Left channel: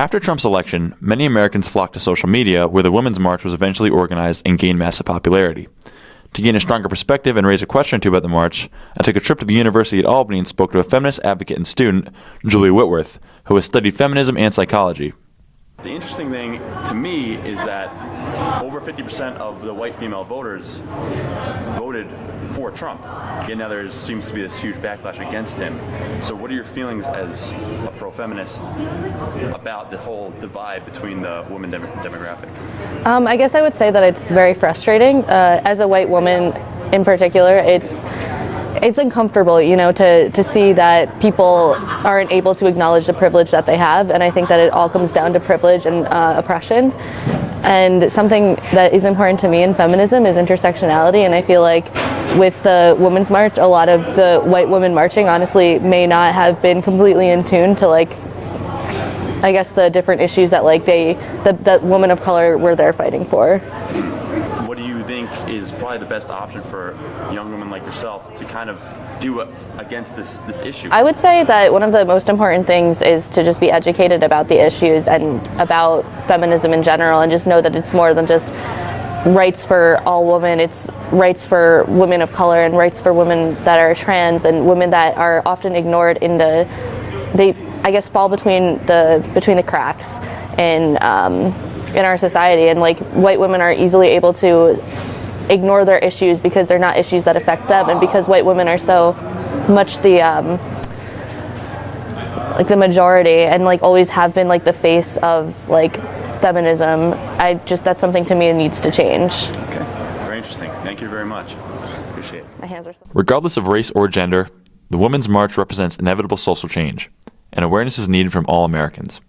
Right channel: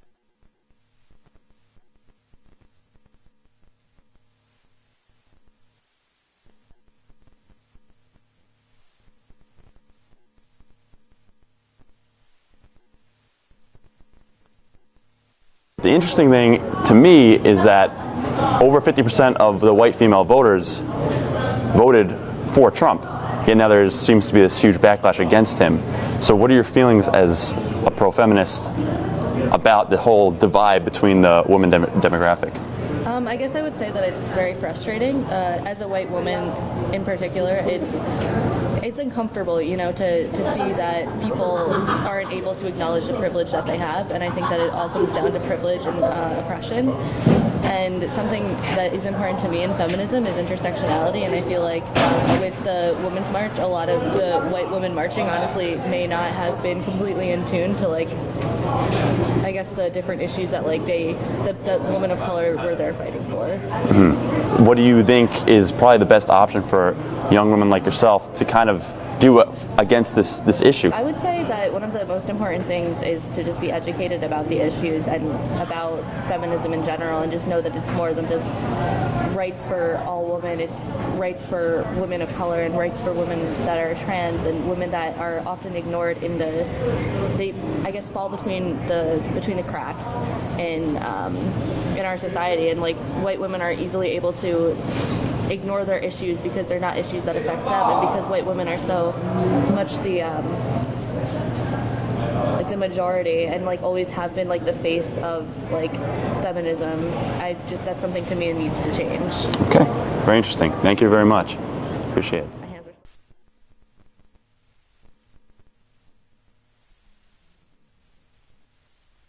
After Trump's election, many Americans flocked to social media where the Women's March was eventually organized and gained massive popularity. To gain a stronger perspective and raise a question or two about the march, I took a trip to the University at Albany and spoke to a feminist advocate and student, Julia Whitworth, who has studied feminism and psychology. The interesting thing to me is that over 50% of the white female voters voted for Trump. Yet now there seems to be this huge backlash against him. So what are your feelings as a pro-feminist about the whole divide between the women demographic? I guess I would say that it's very frustrating. As a white woman in particular, it's uncomfortable, to see that people aren't able to acknowledge the privilege that they have, and I think that it all comes down to privilege and oppression. And something that is important to me in feminism is intersectionality, and I feel like with the Women's March, a lot of the white women marching honestly may not have been completely in tune to I guess the different issues that that women of color were there fighting for. Mm-hmm. What do you think is probably the best option for young women like yourself to kind of do against this issue? I would say that one of the most important things is to just be educated about the issues and about feminism in general, and just know that it's more than just rights for all women. It's rights for women of color and rights for women that are trans and women that are often ignored in they I guess fall between the cracks in our society, and white women are easily able to ignore their issues because they're not issues that affect them, and because white women are so much the majority and always have been the face of feminism. That's something to me that needs to change. Okay, very interesting. Thank you very much. Appreciate it. My hands are so Regardless of race or gender, the Women's March represents inevitable social change, and awareness is needed from all Americans.